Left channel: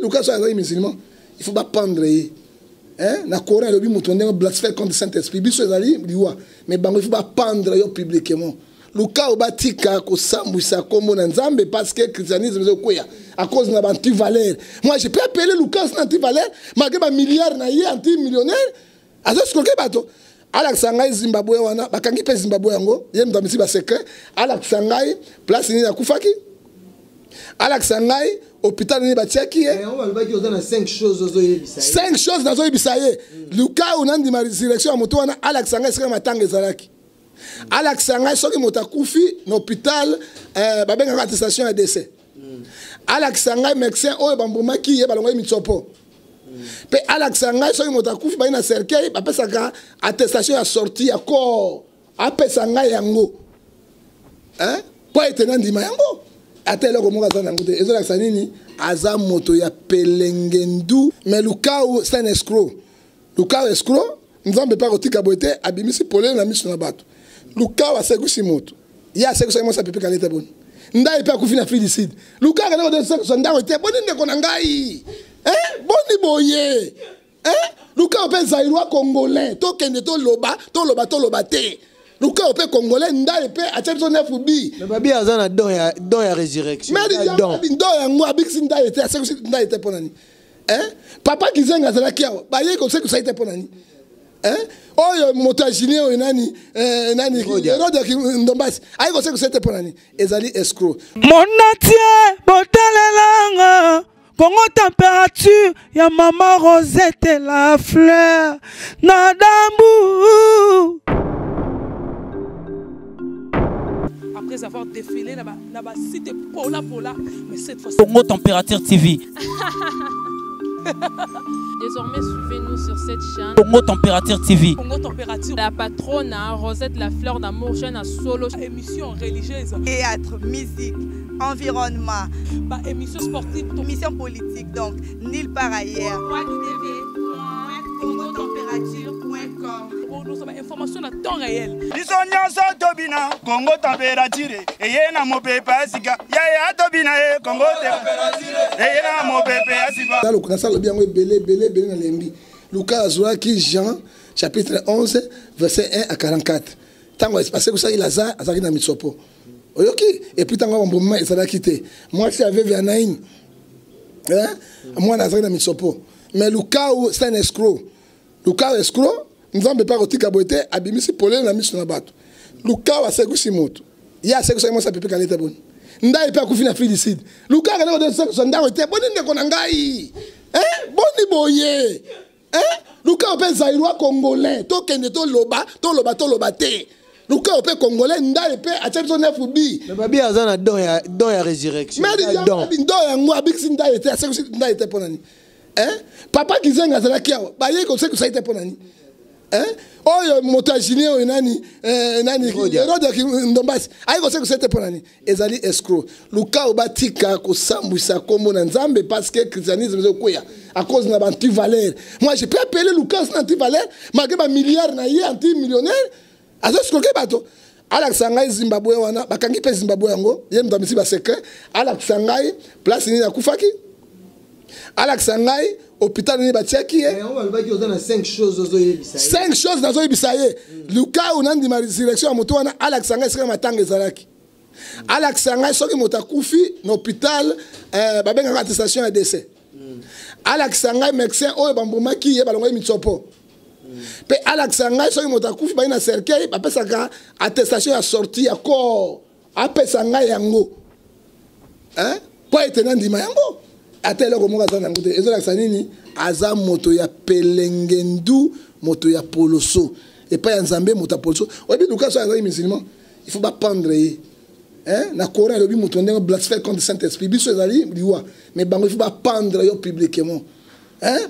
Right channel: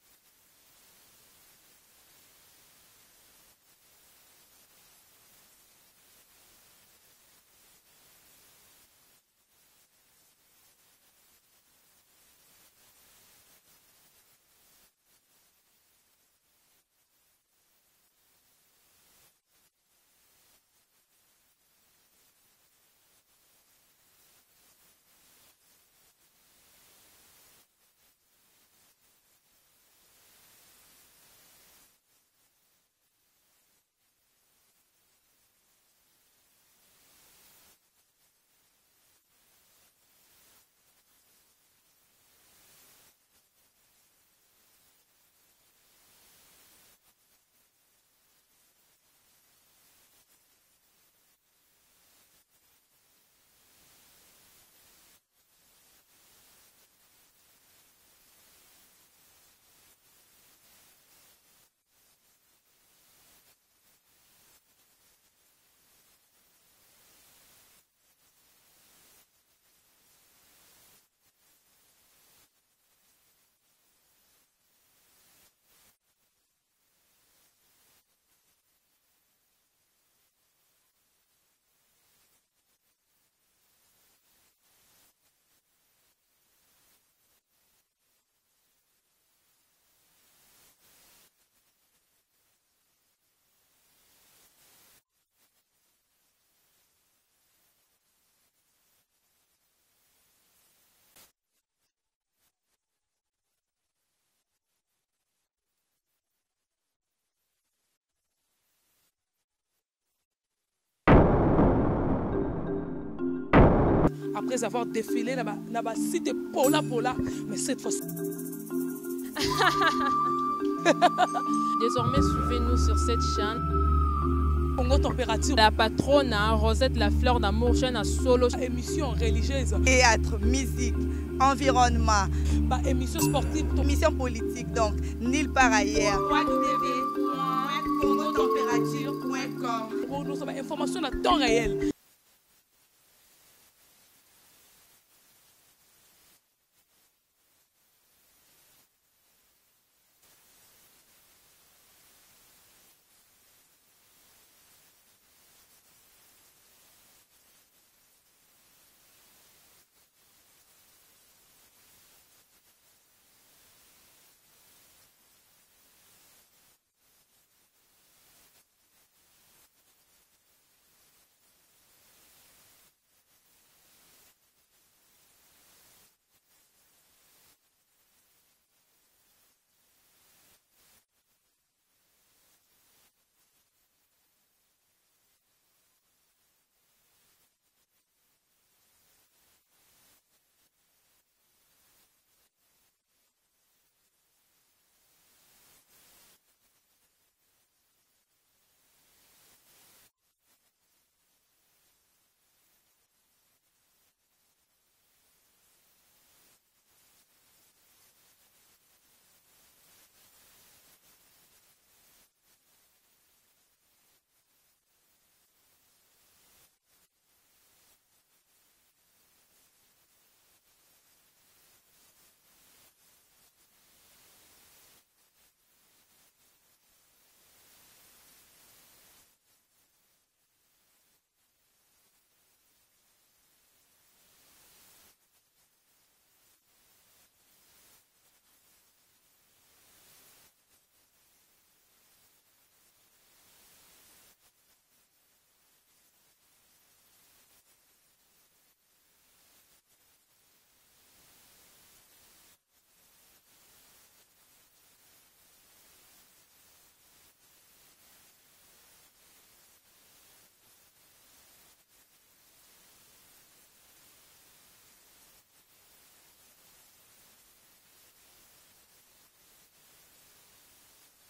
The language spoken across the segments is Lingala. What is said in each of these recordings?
Lucas est musulman, il faut pas pendre. Hein? Na Coran, il y a un blasphème contre le Saint-Esprit. Mais il ne faut pas pendre publiquement. Lucas obatika ko sambwisa kombo na nzambe parce que le christianisme est quoi à cause de l'anti-valeur. Moi je peux appeler Lucas anti-valeur, malgré ma milliard na yé anti-millionnaire. Azo skoke bato. Ala Sangai Zimbabwe wana, bakangi pe Zimbabwe yango, yé mdamisi ba secret. Ala Sangai place ni na kufaki. Ala Sangai hôpital ni ba tcheki. On va le dire dans 5 choses ozo yebisa. 5 choses nazo yebisa ye. Lucas unandi ma résurrection moto wana Ala Sangai sika matanga ezalaki. Alex Sangai soki motakufi l'hôpital babenga attestation ya décès. Alex Sangai médecin oyo bambomaki ye balongo mitsopo. Pe Alex Sangai soki motakufi ba ina cercueil ba pesaka attestation ya sortie ya corps. Apesa ngai yango. Hein? Po etena ndima yango. Atelo ko monga sana ngote. Ezo Alex nini aza moto ya pelengendu mais Lucas c'est un escroc. Lucas escroc, nzambe pa kotika boete abimisi polele na miso na bato. Lucas wa segusi moto. Ya segusi mo sa pepe kaleta bon. Ndai pe akufina filicide. Lucas kana de segusi ndai te boni ndeko na ngai. Boni boye. Lucas pe zairwa congolais. To kende to loba te. Lucas pe congolais ndai pe acheto na fubi. Mais babi azana don ya résurrection. Mais don ya ngwa biksi ndai te segusi ndai te ponani. Papa kizenga zala kiao. Ba ye ko segusi te ponani. Oyo motajini oyo nani Rodia ki ndombasi ayiko seko sete ponani ezali escroc Monatie botalelanga Congo température ya maman Rosette la fleur Nadambu. Après avoir défilé na site Pola mais cette fois Congo Température TV. Désormais, suivez-nous sur cette chaîne. Congo Température TV. Congo Température. La patronne, Rosette la fleur d'amour, chaîne à solo. Émission religieuse. Théâtre, musique, environnement. Émission sportive. Émission politique, donc, nulle part ailleurs. www.congotempérature.com. Pour nous, information à temps réel. Congo Température. Et y a mon pépé Asiga. Ya Tobina, Congo Température. Et y a mon pépé Asiga. Bien belé na lembi. Lucas Azouaki Jean chapitre 11 verset 1 à 44. Tango espacé que ça il a azaki na mitsopo. Oyoki et puis tango mboma ezala quitté. Moi si avait Vianaïn. Moi nazaki na mitsopo. Mais Lucas c'est un escroc. Lucas escroc, nzambe pa kotika boete abimisi polele na miso na bato. Lucas wa segusi moto. Ya segusi mo sa pepe kaleta bon. Ndai pa kufina filicide. Lucas kana de segusi ndai te boni ndeko na ngai. Boni boye. Lucas pe zairwa congolais. To kende to loba te. Lucas pe congolais ndai pe acheto na fubi. Mais babi azana don ya résurrection. Mais don ya ngwa biksi ndai te segusi ndai te ponani. Papa kizenga zala kiao. Ba ye ko se ko sa ite ponani. Oyo motajini oyo nani Rodia ki ndombasi ayiko se ko sa ite ponani ezali escroc. Lucas obatika ko sambwisa kombo na nzambe parce que le christianisme est quoi à cause de l'anti-valeur. Moi je peux appeler Lucas anti-valeur malgré ma milliard na yé anti-millionnaire. Azo skoke bato. Ala Sangai Zimbabwe wana bakangi pe Zimbabwe yango yé mdamisi ba secret. Ala Sangai place ni na kufaki. Alex Sangai hôpital ni ba tcheki. On va le dire dans 5 choses ozo yebisa. 5 choses nazo yebisa ye. Lucas unandi ma résurrection ya moto wana Alex Sangai sika matanga ezalaki. Alex Sangai soki motakufi l'hôpital babenga attestation ya décès. Alex Sangai médecin oyo bambomaki ye balongo mitsopo. Pe Alex Sangai soki motakufi ba ina cercueil ba pesaka attestation ya sortie ya corps. Apesa ngai yango. Po etena ndima yango. Atelo ko monga sana ngote ezo lakisa nini aza moto ya pelengendu moto ya poloso et pas ya nzambe moto ya poloso obi Lucas aza musulman il faut pas pendre na Coran lobi moto ndenge blasphème contre Saint-Esprit biso ezali liwa mais bango il faut pas pendre yo publiquement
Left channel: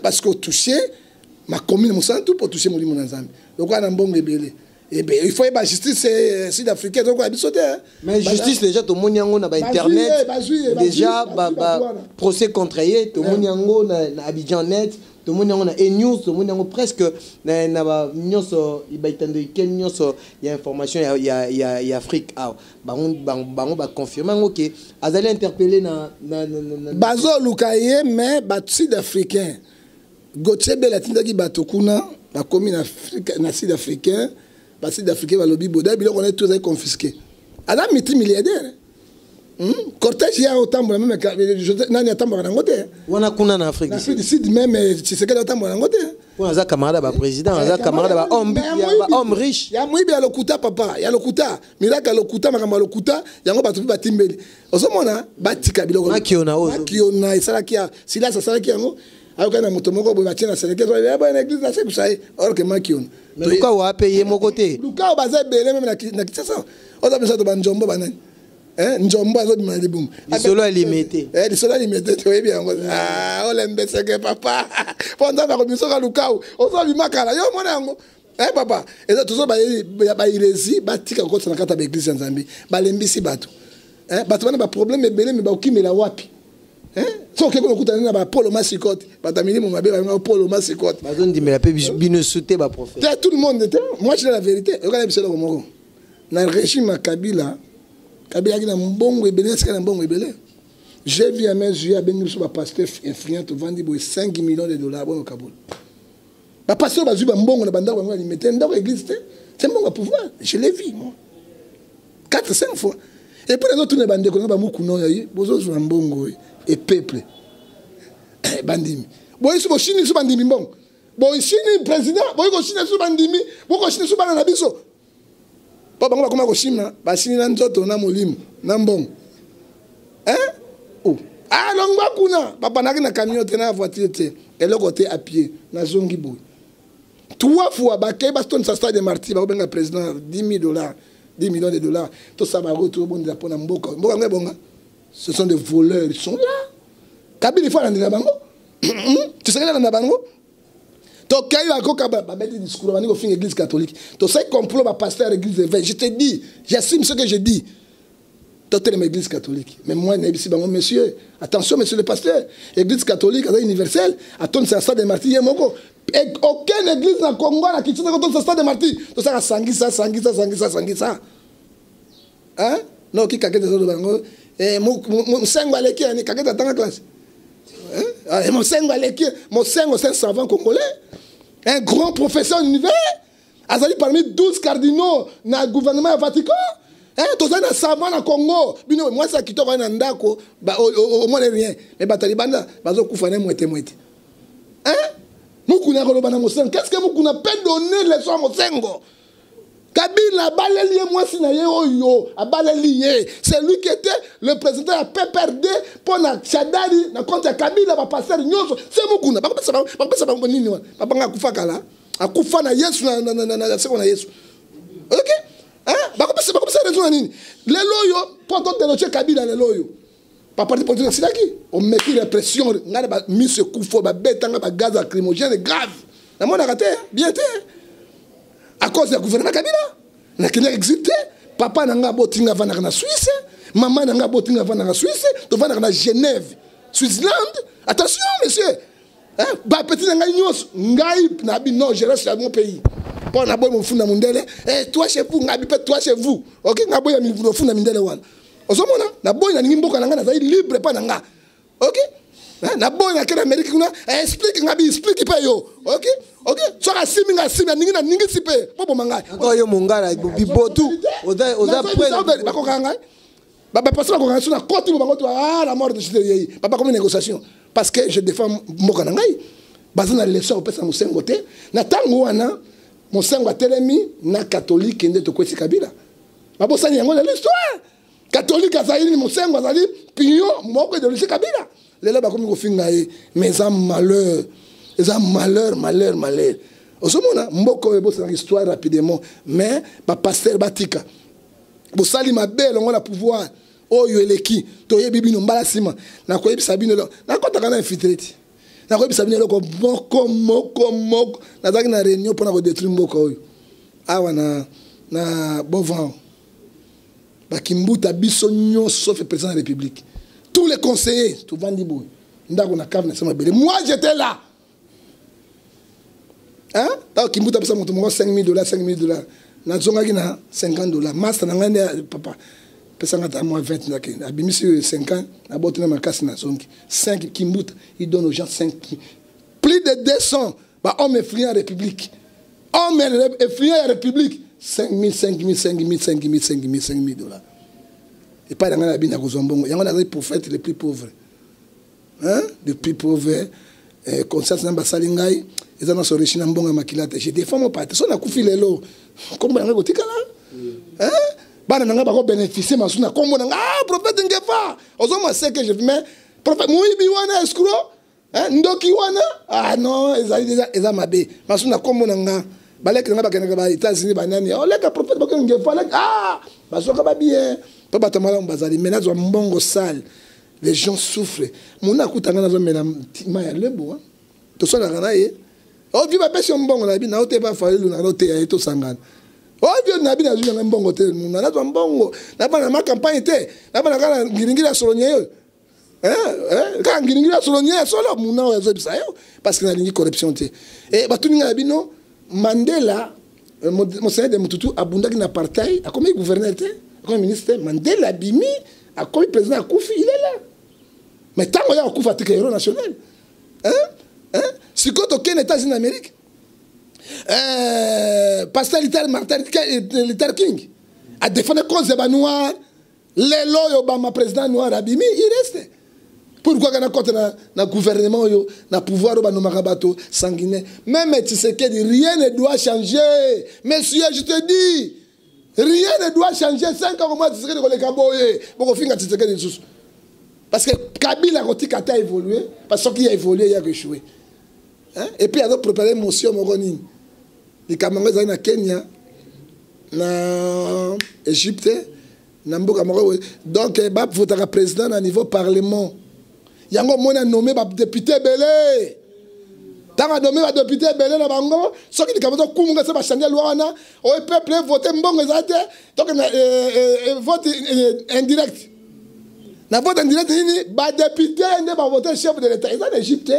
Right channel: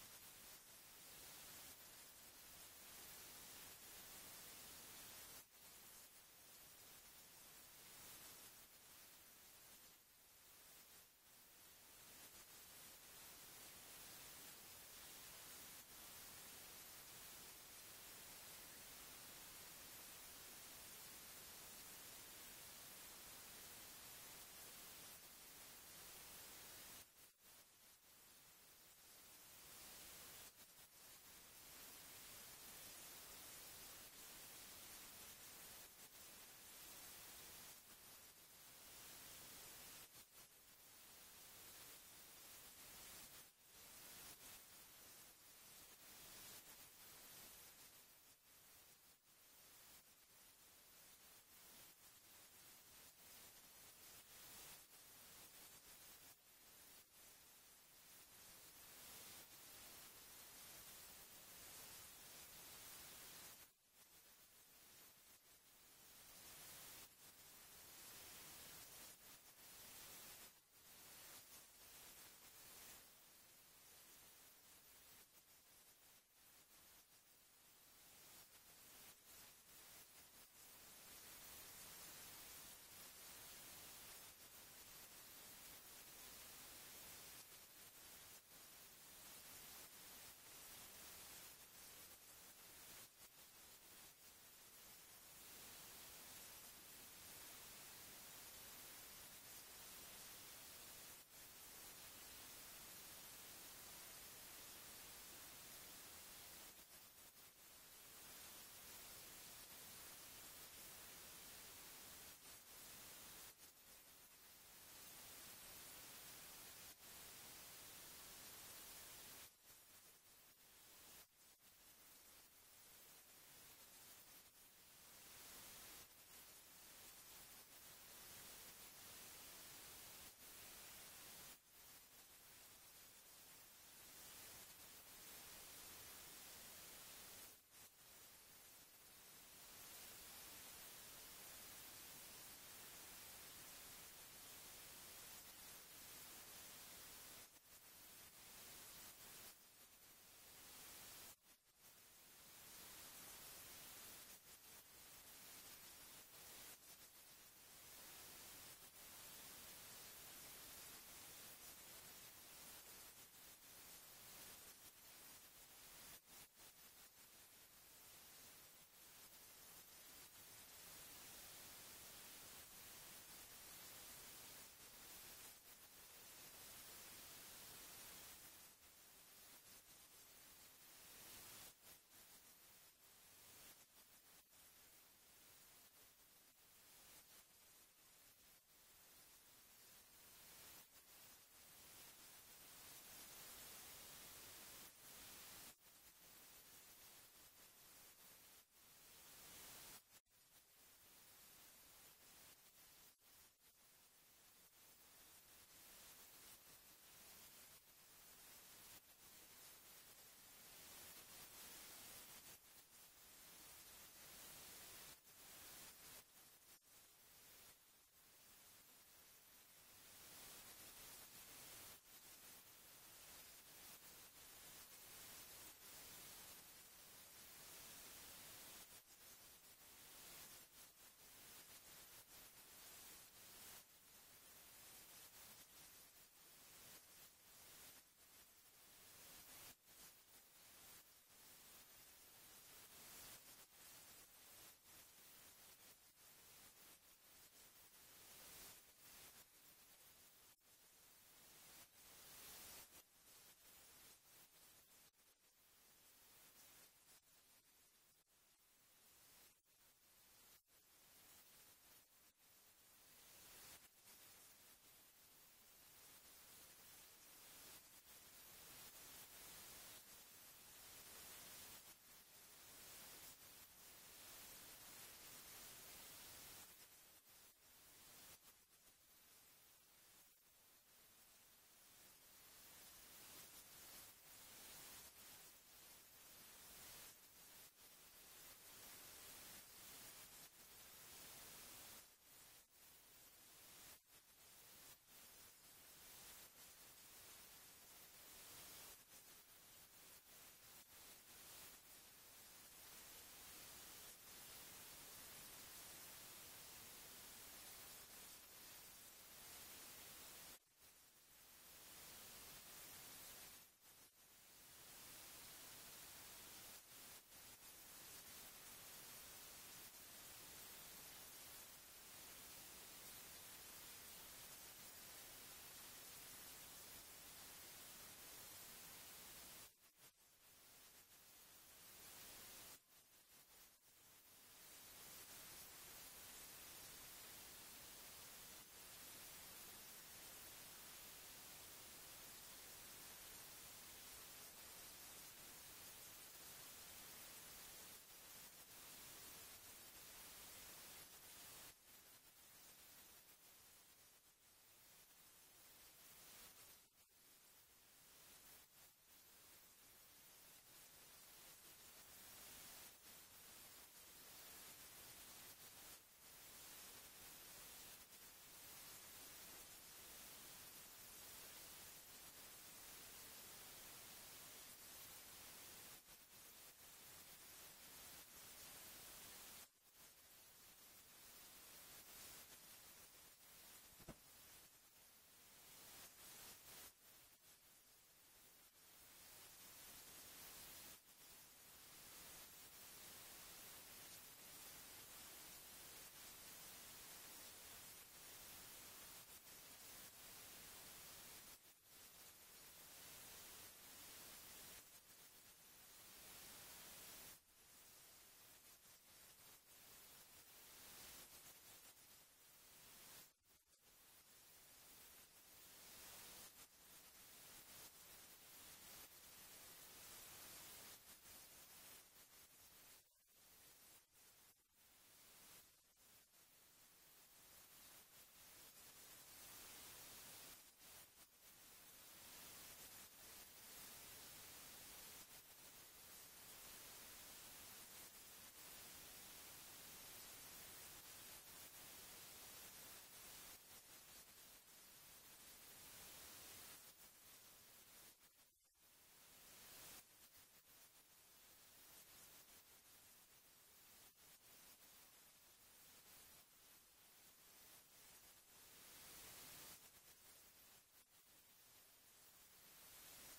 parce que toucher ma commune mon santu pour toucher molimo na nzambe donc ana mbongo ebele. Eh bien, il faut que la justice sud-africaine soit mais justice déjà tout le monde yango na ba internet déjà procès contre yé tout le monde yango na Abidjan net tout le monde a et news, tout le monde a presque news, il y a information, il y a Afrique, on va confirmer que Azali interpellé na Bazo Lukaye mais sud-africain Gauthier Belatinda qui batokuna ba commis na sud-africain ba sud-africain ba lobby boda biloko on est tous confisqués ala multimilliardaire cortège ya otambola même nani atambola nangote wana kuna na Afrique du Sud même Tshisekedi atambola nangote on a camarade ba président on a camarade ba homme riche ya muibi ya lokuta papa ya lokuta milaka lokuta makamba lokuta yango batu batimbeli ozomona batika biloko makiona esalaki ya sila salaki yango ayokana moto moko boye batie na seleke ya boye na église na sekusai or que makiona mais luka wa payer mon côté luka baza belé même na kitasa oza bisa to banjombo banani njombo azobima libumu lisolo limité lisolo limité toyebi yango olembeseke papa po nzambe akomisoka lukau ozobimakala yo mona yango papa eza tozo bairesi batika kokotisa na kati ya baeglise ya nzambe balembisi bato bato bana baproblème ebele me baokimela wapi soki okokutana na bapolo masikote bato ya milimo mabe babenga polo masikote bazondimela mpe bino sute baprofete tout le monde moi je dis la vérité okana biso eloko moko na régime ya Kabila qui na mbongo ebele sika na mbongo ebele j'ai vu à mes yeux abengi biso bapasteur influent tovandi boye 5 millions de dollars bono Kaboul bapasteur bazwi bambongo na bandako bango alimete ndako église te c'est mbongo ya pouvoir je l'ai vu moi 4-5 fois et puis les autres ne bandeko na bamukuna oyo bozozwa mbongo et peuple bandimi boye so boshini so bandimi mbongo boye shini président boye ko shini so bandimi boko shini so bana na biso bango bakoma koshima basini na nzoto na molimo na mbongo longwa kuna bapanaki na camion te na voiture te eloko te à pied na zongi boy 3 fois bakei bastonisa stade de martyr bakobenga président 10 millions de dollars tosaba retour bondela mpona mboka ngo ebonga ce sont des voleurs ils sont là Kabila faut alandela bango Tshisekedi alanda bango tokai bakoka babeti discours bani kofinga église catholique to sai complot ba pasteur église évêque je te dis j'assume ce que je dis totel l'église catholique mais moi nabisi bango monsieur attention monsieur le pasteur église catholique est universelle attends ça stade de martyr moko aucune église na Congo na kituna ko stade de martyr to ça sangisa non ki kakete zo bango musengo aleki ani kakete tanga classe Mosengo c'est un savant congolais, un grand professeur de l'univers. Azali parmi 12 cardinaux dans le gouvernement Vatican. Tous les savants dans le Congo. Moi, ça qui t'aura un ndako, au moins rien. Mais Batalibanda, bazo koufane moite. Moukouna kolobana Mosengo. Qu'est-ce que Moukouna peut donner les soins Mosengo? Kabila balelié moi sinaye oyo abalelié c'est lui qui était le président de PPRD pour na Chadari na compte ya Kabila ba passer nyoso c'est mukuna ba pesa ba nini wa ba kufa kala akufa na Yesu na seko na Yesu OK ba pesa raison nini lelo yo pour de le Kabila lelo yo pa parti politique silaki on met la pression ngana ba mise kufo ba betanga ba gaz lacrymogène grave na mona raté bien té à cause du gouvernement Kabila, n'a qu'à exister. Papa n'a pas botinga vana na Suisse, maman n'a pas botinga vana na Suisse, tu vas na Genève, Switzerland. Attention, monsieur. Bah petit n'a nyos, ngai na bi non, je reste dans mon pays. Pour na boy mon funda mundele, toi chez vous, ngabi peut toi chez vous. OK, na boy mi vous funda mundele wana. Ozomona, na boy na ngimboka na ngana za libre pa na nga. OK? Na boy na kena Amérique kuna, explique ngabi explique pa yo. OK? OK, soka siminga ningi sipe bobo mangai encore yo mongala bibotu oza près bakokanga baba passer bakokanga suna koti bango to la mort de Tshisekedi papa comme négociation parce que je défends mboka nangai bazana leso opesa Mosengo te na tango wana Mosengo atelemi na catholique nde to kwesi Kabila babo sani yango l'histoire catholique azali Mosengo azali pion moko de l'histoire Kabila lelo bakomi kofinga mais en malheur. Ils ont malheur. Osomona mboko ebo c'est une histoire rapidement mais ba pasteur batika. Bo sali mabe longo la pouvoir oyo eleki toyebi bino mbala sima na koyebi sabino na kota kana infiltrate. Na koyebi sabino loko moko na zaki na réunion pour na ko détruire mboko oyo. Awa na Bovan. Ba kimbuta biso nyonso sauf le président de la République. Tous les conseillers tout vandi boy. Ndako na cave na sama bele. Moi j'étais là. Hein? Tant qu'il m'a payé 5 000 $, 5 000 $. Na zonga na 50 $. Master na ngane papa. Pesa ngata moi 20 na kenda. Abimisi 5 ans, na botte na makasi na zongi. 5 kimbuta, il donne aux gens 5. Plus de 200 bah hommes effrayés en République. Hommes effrayés en République. 5 000, 5 000, 5 000, 5 000, 5 000, 5 000 $. Et pas dans la bine à Gozombongo. Il y a des prophètes les plus pauvres. Hein? Les plus pauvres. Conscience n'a pas salingai. Ils ont sorti chez Nambonga Makilate. J'ai des femmes au pâté. Son a coupé les lots. Comment on a goûté là? Hein? Bah, on a pas bénéficié. Mais on a comme on a prophète Ngefa. Aux hommes, c'est que je mets prophète Mouibi wana escroc. Hein? Ndoki wana. Ah non, ils ont mabé. Mais on a comme on a. Balek n'a pas qu'un gars États-Unis banani. Oh, les prophètes Ngefa. Ah, bah, ça va bien. Papa Tamala Mbazali. Mais là, ils ont un bon sale. Les gens souffrent. Mon akutanga na zo mena maya lebo. To so na kana ye. O vi ba pesi mbongo na bi na ote ba fa lu na ote ya to sangana. O vi na bi na zo na mbongo te na na zo mbongo. Na ba na ma campagne te. Na ba na kana ngiringira solonye yo. Ka ngiringira solonye solo muna wa zo bisa yo parce que na lingi corruption te. Et ba tuninga na bino Mandela Monseigneur de Mututu abundaki na apartheid, a comme gouverneur te, comme ministre Mandela bimi, a comme président Koufi, il est là. Mais tant qu'il y a un coup de héros national, si quand on est aux États-Unis d'Amérique, Pasteur Luther King a défendu cause des noirs, les lois Obama président noir Abimi, il reste. Pourquoi on a contre le gouvernement, le pouvoir au Marabato sanguinaire. Même tu sais que rien ne doit changer. Monsieur, je te dis, rien ne doit changer. 5 ans au moins, tu sais que les Kaboye, pour finir, tu sais que les sous. Parce que Kabila a évolué, parce qu'il a évolué, il a échoué. Hein? Et puis, il a préparé Monsieur Moroni. Les Camerounais sont au Kenya, en Égypte, donc, il faut être président au niveau parlement. Il y a un nommé député Belé. Tant que nommé député Belé, ceux qui ont changer la loi, le peuple vote donc vote indirect. Na vote indirect ba député ne ba voter chef de l'État. Ils sont en Égypte,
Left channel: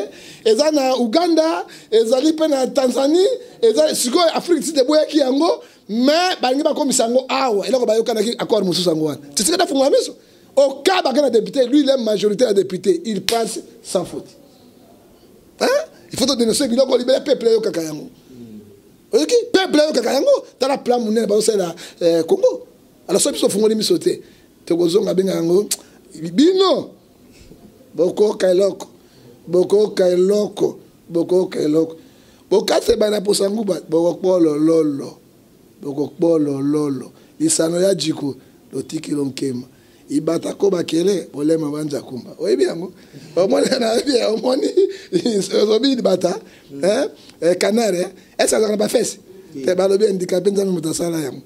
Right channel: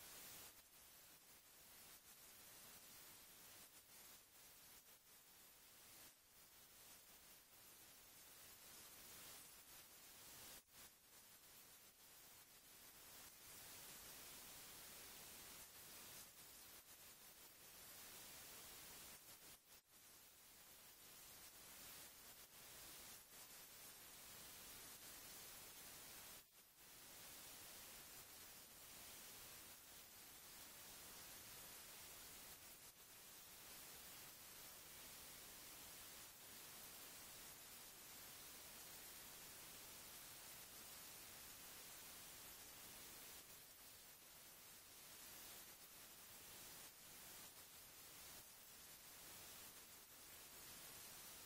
ils sont en Ouganda, ils sont en Tanzanie, ils sont en Afrique du Sud qui yango, mais ba ngi ba komisa ngo awa, eloko ba yokana ki accord mususu ngo wana. Tu sais que fungwa miso. Au cas où il député, lui il est majoritaire de député, il passe sans faute. Hein? Il faut te dénoncer qu'il a libéré le peuple au Kakayango. OK? Peuple au Kakayango, tu as la plan monnaie ba au Congo. Alors ça ils font les misoter. Tu gozonga bengango. Bino boko kailoko boka se bana posangu ba boko lolo isano ya jiko lotiki lonkema ibata ko bakele bolema banja kumba oyebi yango omona na bien omoni ozobi bata canard esa za ba fesse te balobi handicapé nzambe mutasala yango.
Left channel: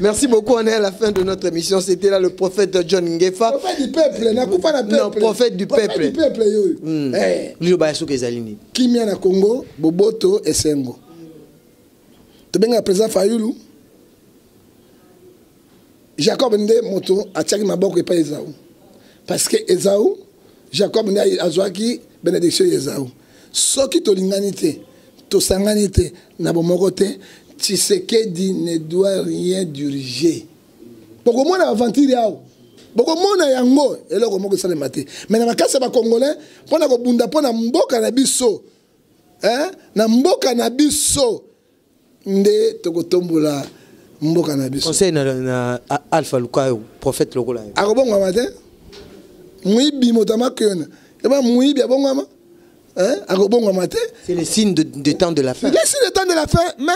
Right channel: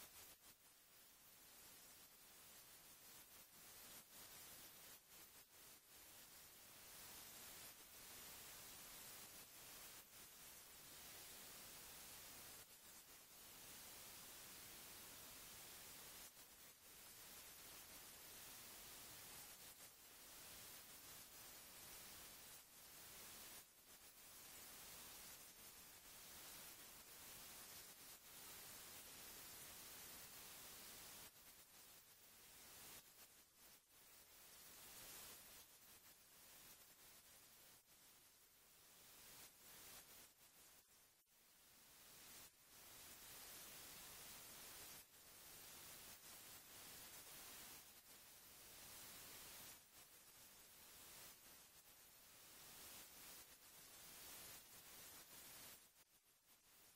Merci beaucoup, on est à la fin de notre émission. C'était là le prophète John Ngefa. Prophète du peuple, non, prophète du peuple. Qui m'a na Congo, Boboto et Sengo. Tu bien le président Fayulu. Jacob Ndé moto a tiré ma boque et pas Esaú. Parce que Esaú, Jacob Ndé a joué bénédiction Esaú. Ce qui te l'inganité, te sanganité, n'a pas mogoté. Tshisekedi ne doit rien diriger. Beaucoup de aventure beaucoup de yango et là comment ça le maté. Mais na makasa ba congolais pona ko bunda pona mboka na biso. Hein? Na mboka na biso nde tokotombola mboka na biso. Conseil na Alpha Luka prophète lokola. Akobonga matin. Muibi motama kena. Eba muibi abonga. Hein? Akobonga matin. C'est le signe de temps de la fin. Le signe de temps de la fin, mais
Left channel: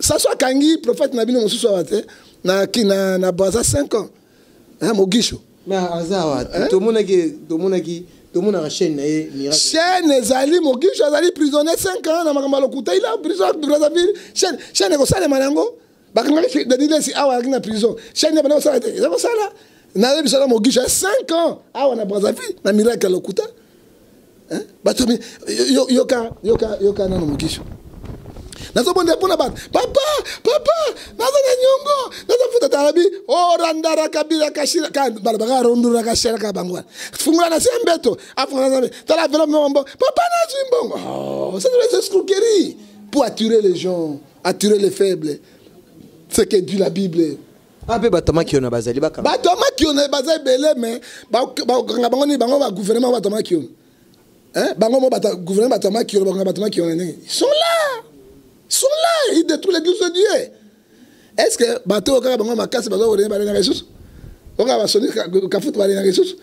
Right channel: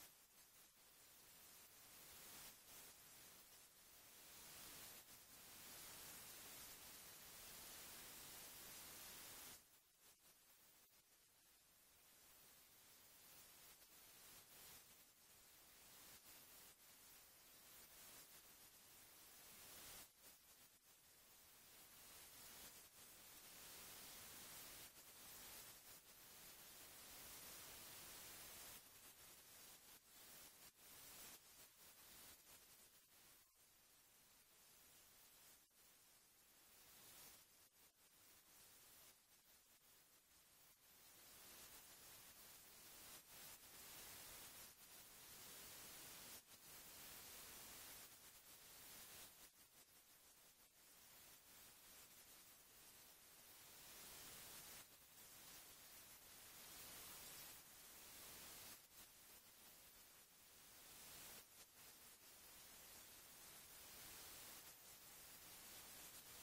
ça soit Kangi, prophète Nabino Moussou na baza 5 ans. Hein, Mogisho. Mais Azawa, tout le monde a chaîne. Chaîne Zali, Mogisho, Zali prisonnier 5 ans, na Makambalo Kouta, il a prison de Brazzaville. Chaîne Gosale Manango, Bakangaki, de dire si Awa na prison. Chaîne Nabano Salate, il a Gosala. Nabe Bisala Mogisho, 5 ans, Awa na Brazzaville, na miracle Lokuta. Hein? Batomi, Yoka, Nano Mogisho. nazobondela mpona bato papa naza na nyongo nazofuta tarabi orandara kabila kashira bana bakarondura kashira ka bango wana fungula na se mbeto afunga na tala velo mombo papa nazwi mbongo ça c'est des escroqueries pour attirer les gens, attirer les faibles. C'est que dit la Bible. Ape batama ki ona bazali baka. Batama ki ona bazali belé mais bango ni bango ba gouvernement batama ki ona. Hein? Bango mo bata gouvernement batama ki ona bango batama ki ona. Ils sont là, ils détruisent l'église de Dieu. Est-ce que bateau ka bango makasi bazo rene ba na Jesus? On va sonner ka foot ba na Jesus.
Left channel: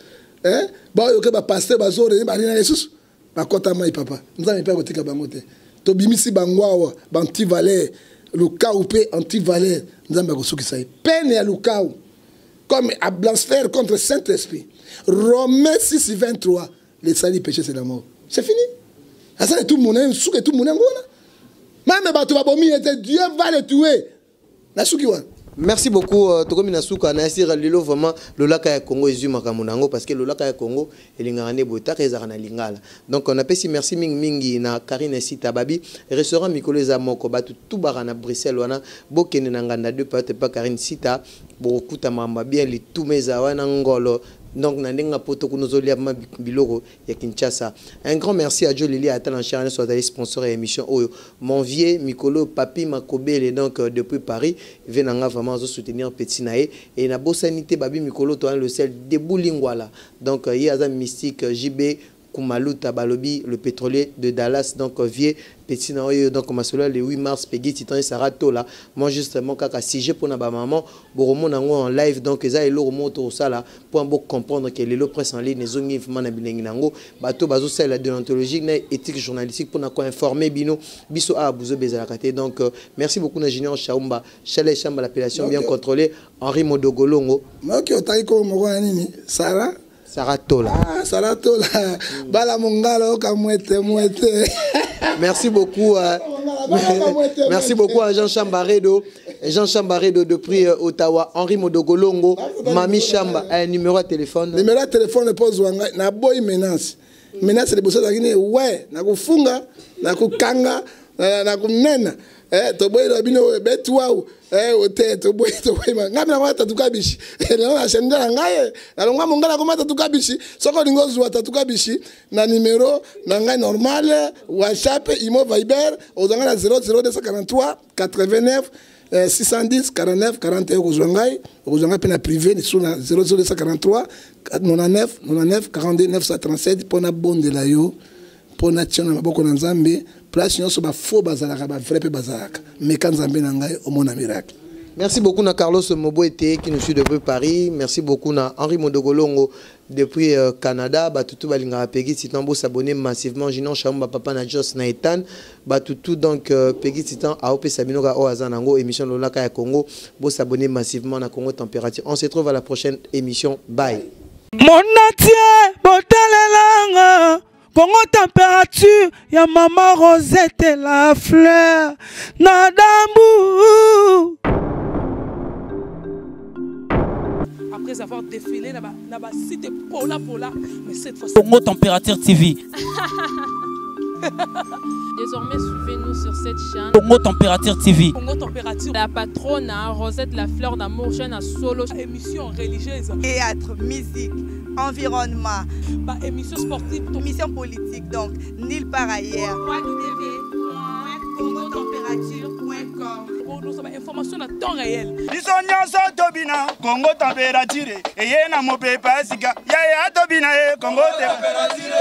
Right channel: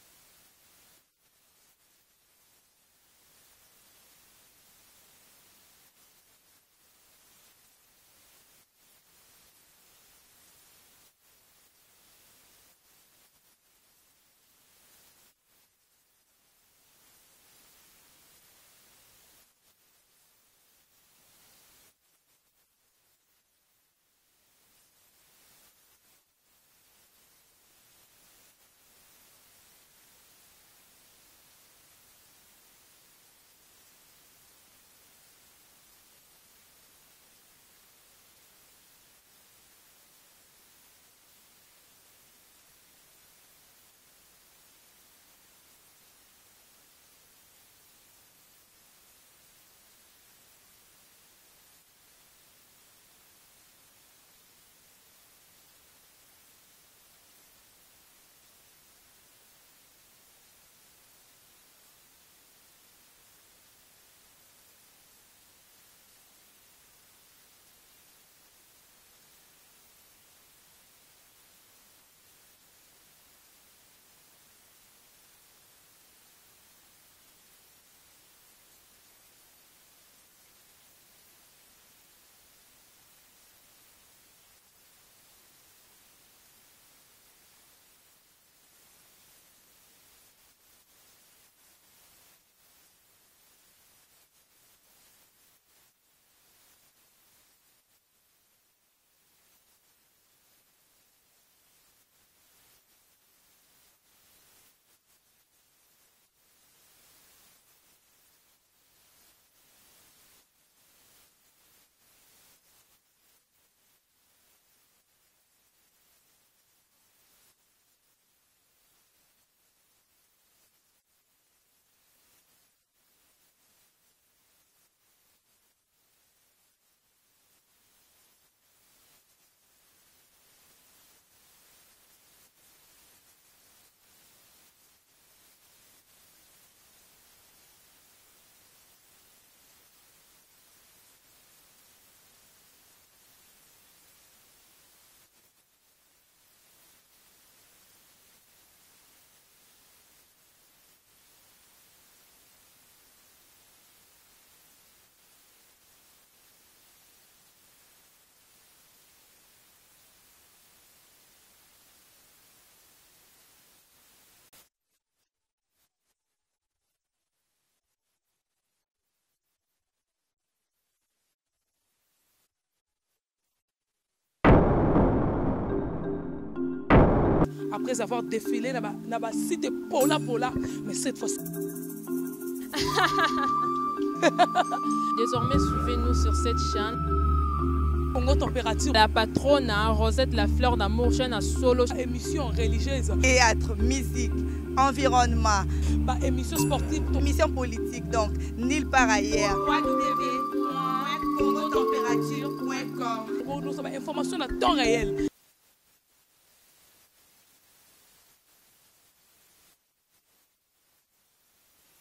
Hein? Ba yo ke ba pasteur bazo rene ba na Jesus. Ba kota mai papa. Nzambe pe ko tika bango te. Tobimisi bangwawa banti-valeur lukau pe anti-valeur nzambe akosukisa ye peine ya lukau comme à blasphème contre Saint-Esprit. Romains 6:23 les salis péché c'est la mort. C'est fini. Asa tout le monde souke tout le monde ngona. Même bato babomi était Dieu va les tuer. Na suki wana. Merci beaucoup Tokomi Nasuka na sira lilo vraiment le lac ya Congo ezu makamunango parce que le lac ya Congo elingane bota ezara na lingala. Donc on appelle si merci mingi na Karine Sita Babi restaurant Mikolo za moko batu tout barana Bruxelles wana bokene na nganda deux peut pas Karine Sita bokuta mamba bien li tout meza wana ngolo. Donc, Nandenga Poto Kunozoli Biloro ya Kinshasa. Un grand merci à Joe Lili à Talan Charles soit allé sponsor et émission Oyo. Mon vieux Mikolo Papi Makobele donc depuis Paris venanga vraiment soutenir Petit Naé et na bosanité Babi Mikolo toi le sel de Boulingwala. Donc il y a un mystique JB Kumaluta Balobi le pétrolier de Dallas donc vieux Petit Naé donc ma solo le 8 mars Peggy Titan et Sarah Tola. Moi justement kaka CG pour na ba maman Boromo nango en live donc eza elo remonto ça là pour bon comprendre que les presse en ligne les ongi vraiment bilingue nango bato bazo ça la déontologie na éthique journalistique pour na ko informer bino biso a buzo bezala kate donc merci beaucoup ingénieur Chaumba Chalet Chamba l'appellation bien contrôlée Henri Modogolongo OK otai ko mo nini Sarah Saratola. Ah, Saratola. Bala mongalo kamwete. Merci beaucoup. Merci beaucoup à Jean Chambaredo. Jean Chambaredo depuis Ottawa. Henri Modogolongo. Mami Chamba. Un numéro de téléphone. Numéro de téléphone pose wanga. Na boy menace. Menace de bossa d'agine. Ouais. Na kufunga. Na kukanga. Na kunena. To boy rabino betwa. To boy ngami na wata tukabishi na shendela ngaye na longa mongala ko mata tukabishi soko lingozu wata tukabishi na numéro na ngai normal WhatsApp Imo Viber ozanga na 00243 89 610 49 41 kozwangai kozwanga pe na privé ni sur 00243 99 42 937 pona bondela yo pona tiona maboko na Nzambe. Place nyonso ba faux bazalaka ba vrai pe bazalaka mais quand Nzambe na ngai au mona miracle. Merci beaucoup na Carlos Moboete qui nous suit depuis Paris. Merci beaucoup na Henri Modogolongo depuis Canada. Batutu balinga Peggy Titan bo s'abonner massivement. Jinon Chamba papa na Jos na Etan. Batutu donc Peggy Titan AOP Sabinoga Oazanango émission Lolaka ya Congo. Bo s'abonner massivement na Congo Température. On se retrouve à la prochaine émission. Bye. Mon natie botalelanga Congo Température, ya maman Rosette la fleur, Nadambu. Après avoir défilé, na cité Pola, mais cette fois Congo Température TV. Désormais, suivez-nous sur cette chaîne. Congo Température TV. Congo Température. La patronne, Rosette la fleur d'amour, chaîne à solo. Émission religieuse. Théâtre, musique, environnement. Émission sportive. Émission politique, donc, nulle part ailleurs. www.congotempérature.com. Pour nous avons information à temps réel. Congo Température. Et y a mon pépé, Congo Température.